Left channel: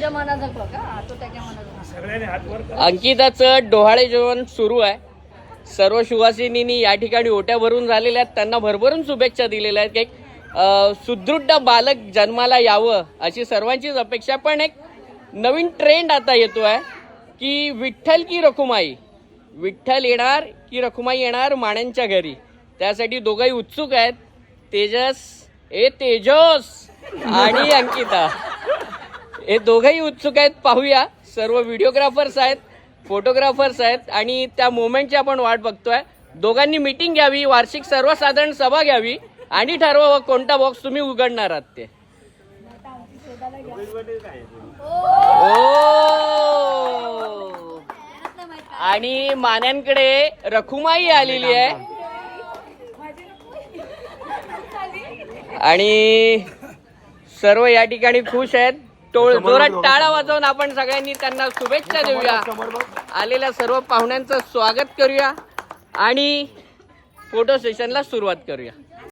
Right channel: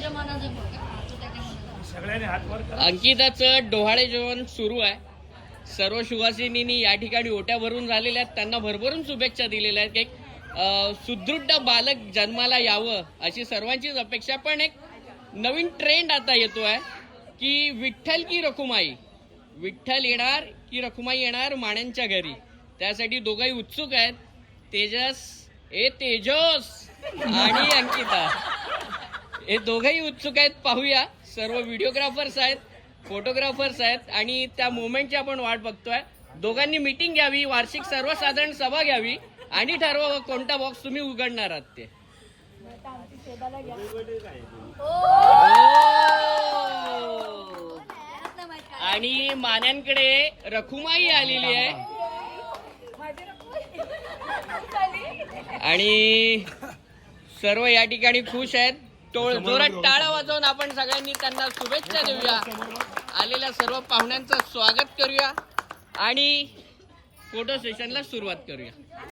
तुझ्या मनाचं बघ हा, तो त्याच्या मनाचं. सगळ्यांनी हात वर करा. अंकिताचं डोहाळे जेवण सुरू आहे. सर्व सुवासिनींनी या ठिकाणी ओट्या भरून झालेल्या आहेत. त्यांना भरभरून शुभेच्छा दिलेल्या आहेत. एक सुदृढ बालक जन्माला यावं अशी सर्वांचीच अपेक्षा. पण एक नवीन ट्रेंड आता येतोय की विठ्ठल की रखुमाई, विठ्ठल येणार की रखुमाई येणार माण्यांच्या घरी. त्यासाठी दोघंही उत्सुक आहेत. तेजस आणि अंकिता हे दोघंही उत्सुक आहेत. पाहूया. सर्व व्हिडिओग्राफर्स आहेत, फोटोग्राफर्स आहेत आणि त्या मोमेंटची आपण वाट बघतोय. दोघांनी मीटिंग घ्यावी, वार्षिक सर्वसाधारण सभा घ्यावी आणि ठरवावं कोणता बॉक्स तुम्ही उघडणार आहात ते. आणि मान्यांकडे रखुमाई आलेली आहे आणि सर्व या ठिकाणी खुश आहेत. जोरात टाळा वाजवून आपण सगळ्यांनी त्यांना शुभेच्छा देऊया. आलेल्या सर्व पाहुण्यांचं स्वागत करूया आणि फोटो सेशनला सुरुवात करूया.